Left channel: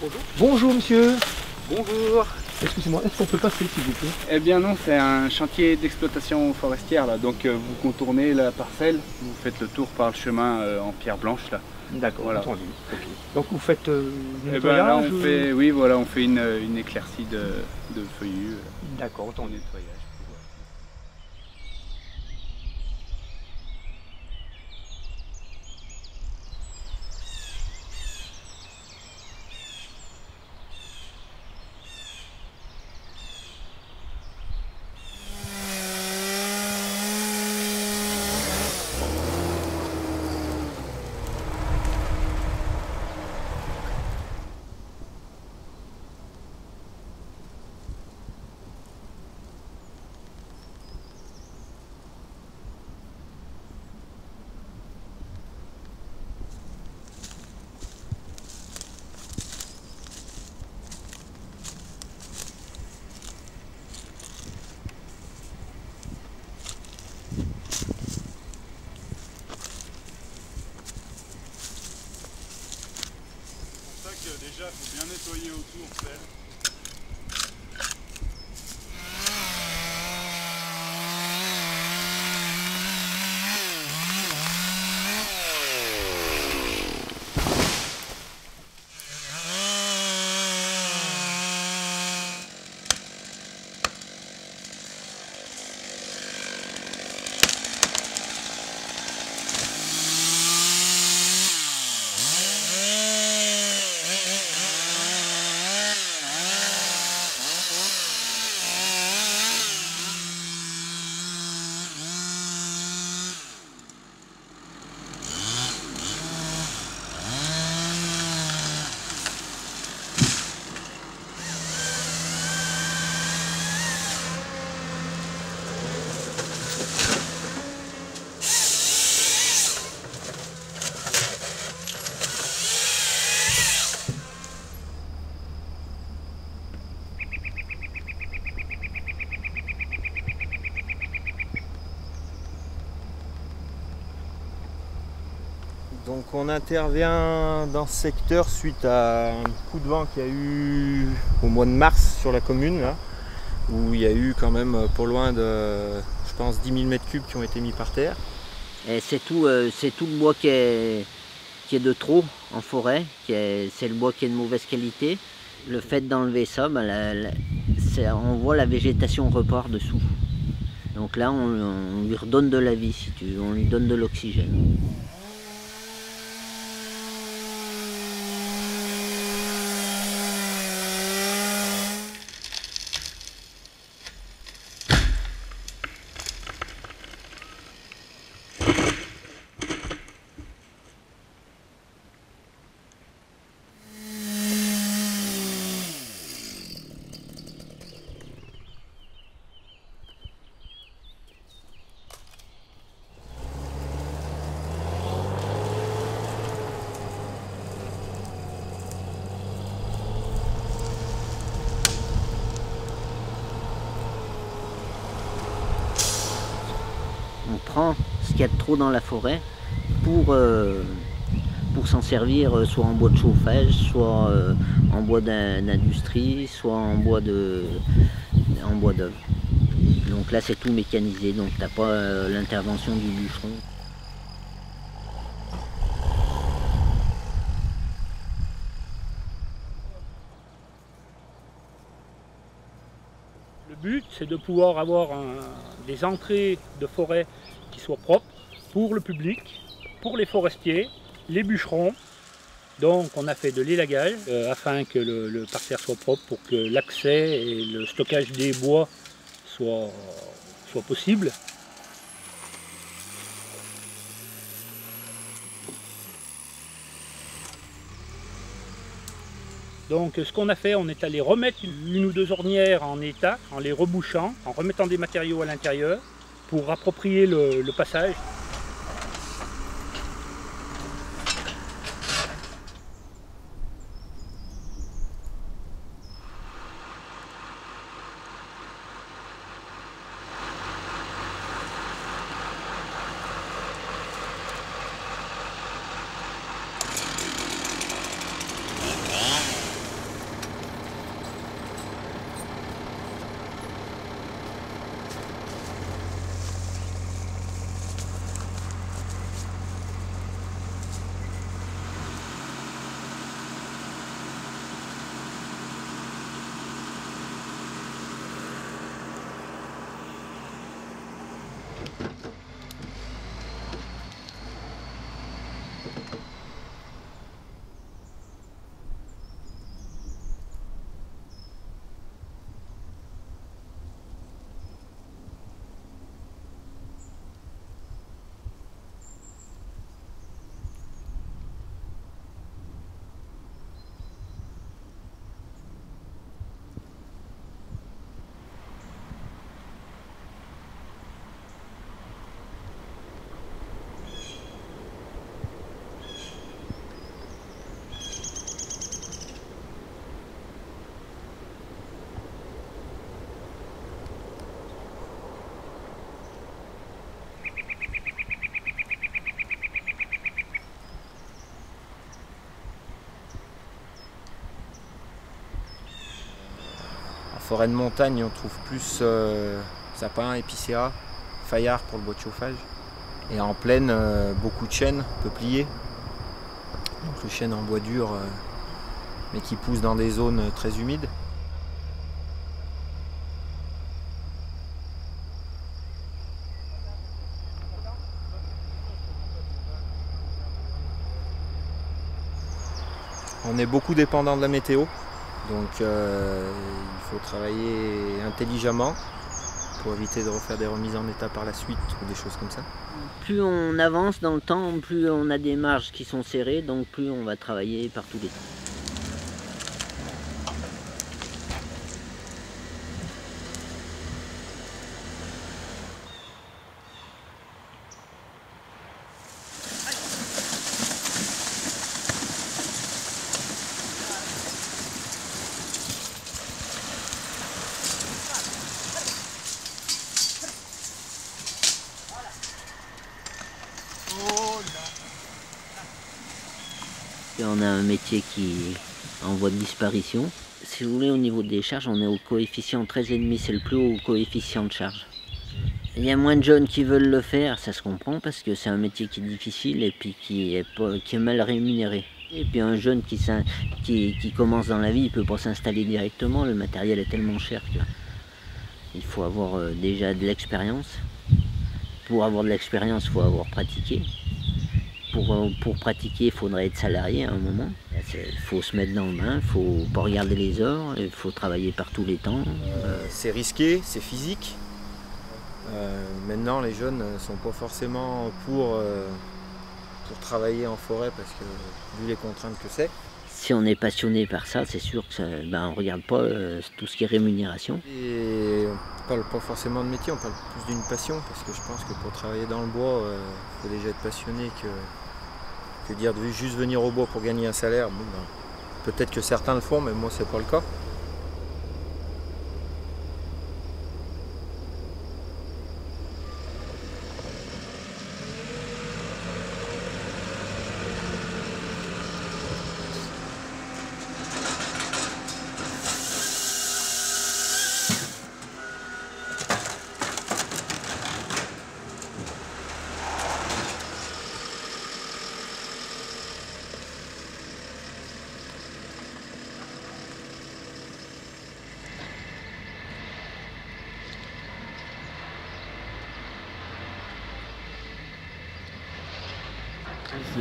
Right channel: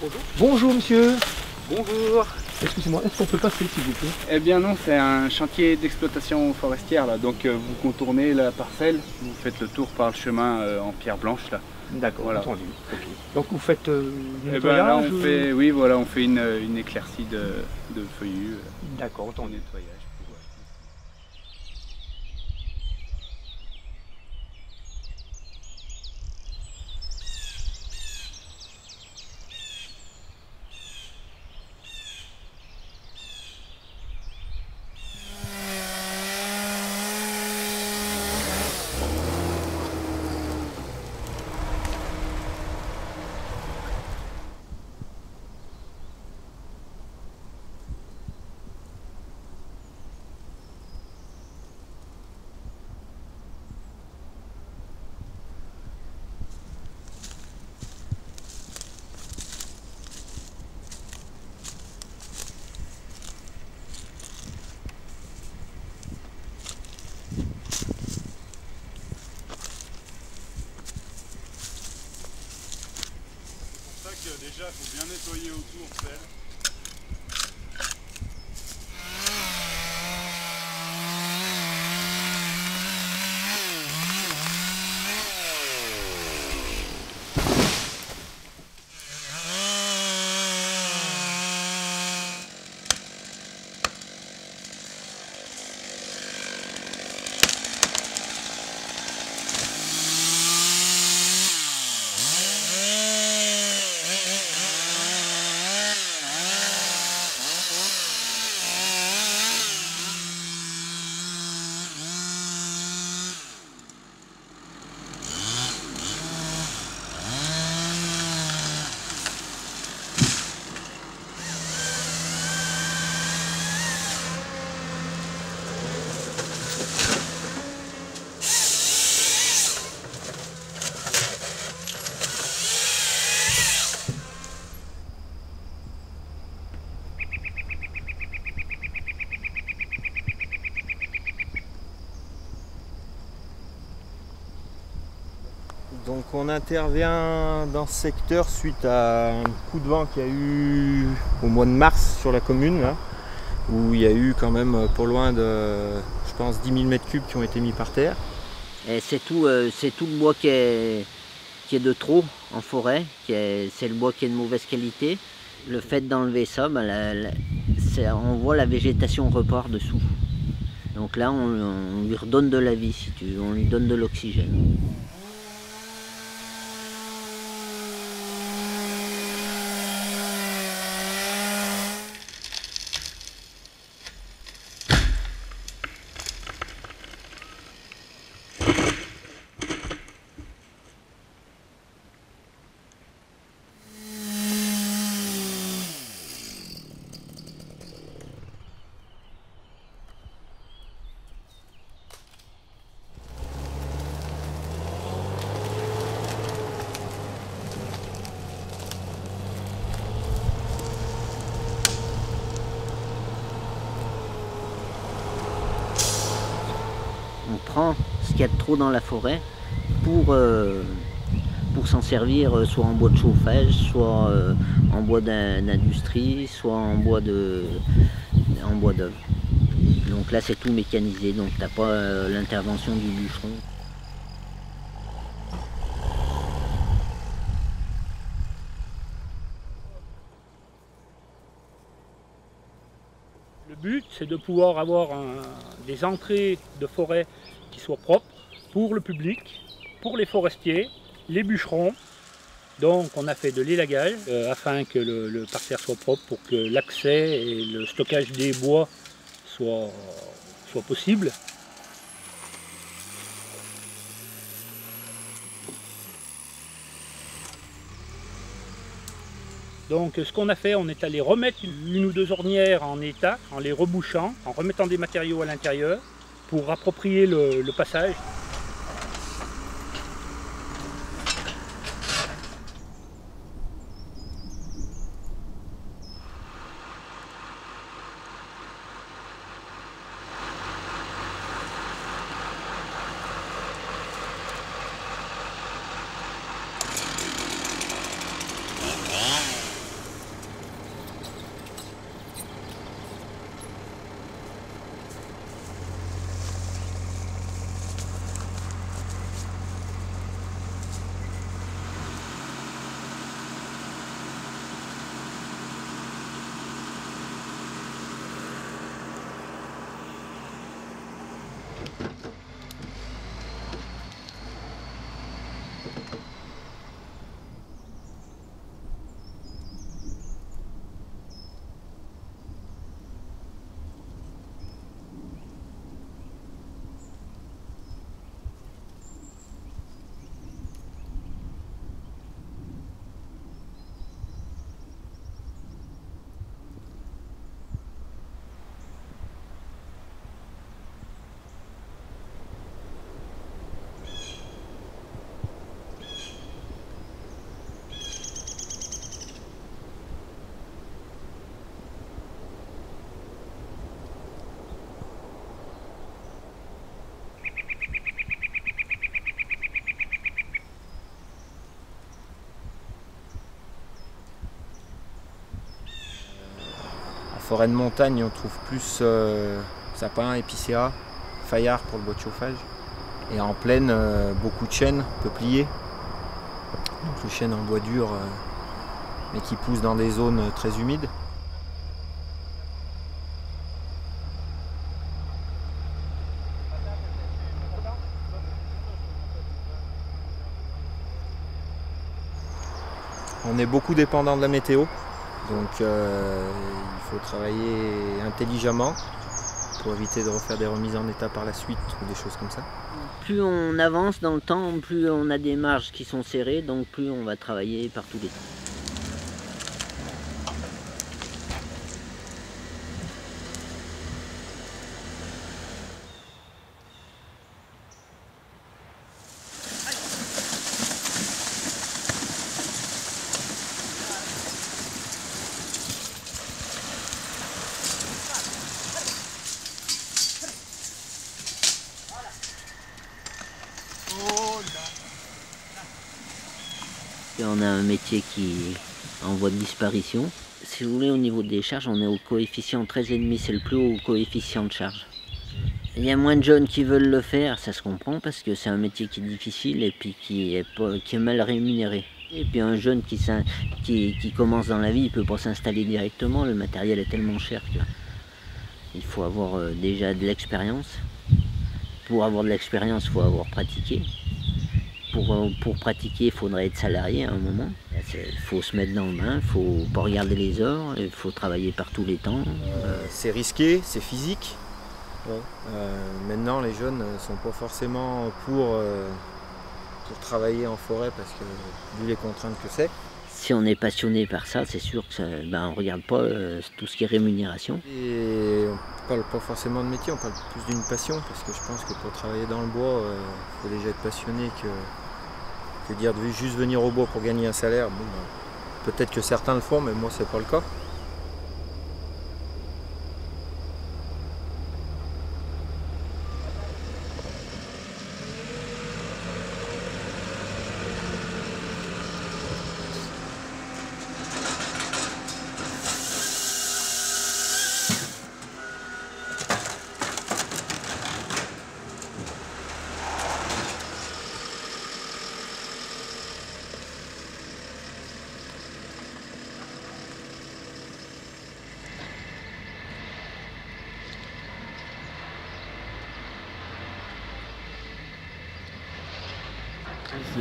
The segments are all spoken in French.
Bonjour. Bonjour monsieur. Bonjour. Excusez-moi, est-ce qu'on peut passer s'il vous plaît? Eh bien non, c'est un chantier d'exploitation forestière là, donc vous contournez la parcelle, vous faites le tour par le chemin en pierre blanche là. D'accord, Voilà. entendu. Okay. Donc vous faites du Eh ben là nettoyage on fait, oui voilà, on fait une éclaircie de feuillus D'accord, en entendu. nettoyage. C'est pour ça que déjà il faut bien nettoyer autour, pelle. Donc on intervient dans ce secteur suite à un coup de vent qu'il y a eu au mois de mars sur la commune, là, où il y a eu quand même pas loin de, je pense, 10 000 m3 qui ont été mis par terre. Et c'est tout le bois qui est de trop en forêt, c'est le bois qui est de mauvaise qualité. Le fait d'enlever ça, on voit la végétation repart dessous. Donc là, on lui redonne de la vie, si tu veux, on lui donne de l'oxygène. On prend ce qu'il y a de trop dans la forêt pour s'en servir soit en bois de chauffage, soit en bois d'industrie, soit en bois d'œuvre. Donc là c'est tout mécanisé, donc tu n'as pas l'intervention du bûcheron. Le but, c'est de pouvoir avoir des entrées de forêt qui soient propres pour le public, pour les forestiers, les bûcherons. Donc on a fait de l'élagage afin que le parterre soit propre pour que l'accès et le stockage des bois soient possibles. Donc ce qu'on a fait, on est allé remettre une ou deux ornières en état, en les rebouchant, en remettant des matériaux à l'intérieur pour approprier le passage. forêt de montagne, on trouve plus sapin, épicéa, fayard pour le bois de chauffage. Et en plaine, beaucoup de chênes, peupliers. Donc le chêne en bois dur, mais qui pousse dans des zones très humides. On est beaucoup dépendant de la météo, donc il faut travailler intelligemment pour éviter de refaire des remises en état par la suite ou des choses comme ça. Plus on avance dans le temps, plus on a des marges qui sont serrées, donc plus on va travailler par tous les temps. On a un métier qui est en voie de disparition. Si vous voulez, au niveau des charges, on est au coefficient 13,5, c'est le plus haut coefficient de charge. Il y a moins de jeunes qui veulent le faire, ça se comprend, parce que c'est un métier qui est difficile et puis qui est mal rémunéré. Et puis un jeune qui commence dans la vie, il ne peut pas s'installer directement, le matériel est tellement cher qu'il faut avoir déjà de l'expérience. Pour avoir de l'expérience, il faut avoir pratiqué. Pour pratiquer, il faudrait être salarié à un moment. Il faut se mettre dans le bain, il ne faut pas regarder les heures, il faut travailler par tous les temps. C'est risqué, c'est physique. Maintenant, les jeunes ne sont pas forcément pour travailler en forêt parce que, vu les contraintes que c'est. Si on est passionné par ça, c'est sûr qu'on ne regarde pas tout ce qui est rémunération. Et on ne parle pas forcément de métier, on parle plus d'une passion, parce que je pense que pour travailler dans le bois, il faut déjà être passionné que dire de juste venir au bois pour gagner un salaire. Bon, peut-être que certains le font, mais moi c'est pas le cas.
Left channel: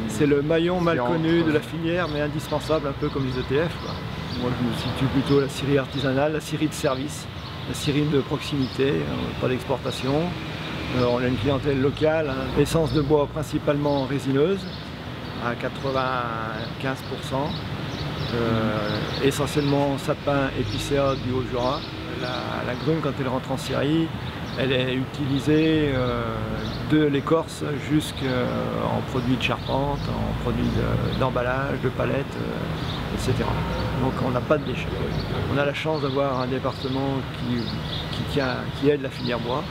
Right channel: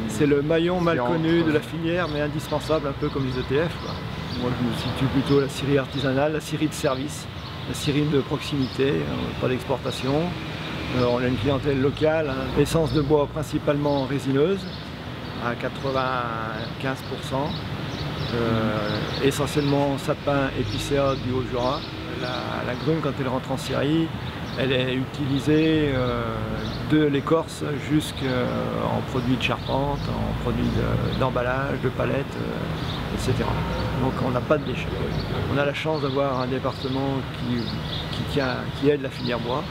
C'est le maillon mal connu de la filière, mais indispensable, un peu comme les ETF, quoi. Moi, je me situe plutôt la scierie artisanale, la scierie de service, la scierie de proximité, pas d'exportation. On a une clientèle locale, essence de bois principalement résineuse, à 95%, essentiellement sapin épicéa du Haut-Jura. La grume, quand elle rentre en scierie, elle est utilisée de l'écorce jusqu'en produits de charpente, en produits d'emballage, de palettes, etc. Donc on n'a pas de déchets. On a la chance d'avoir un département qui aide la filière bois,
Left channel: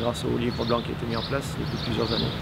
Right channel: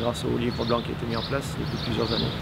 grâce au livre blanc qui a été mis en place depuis plusieurs années.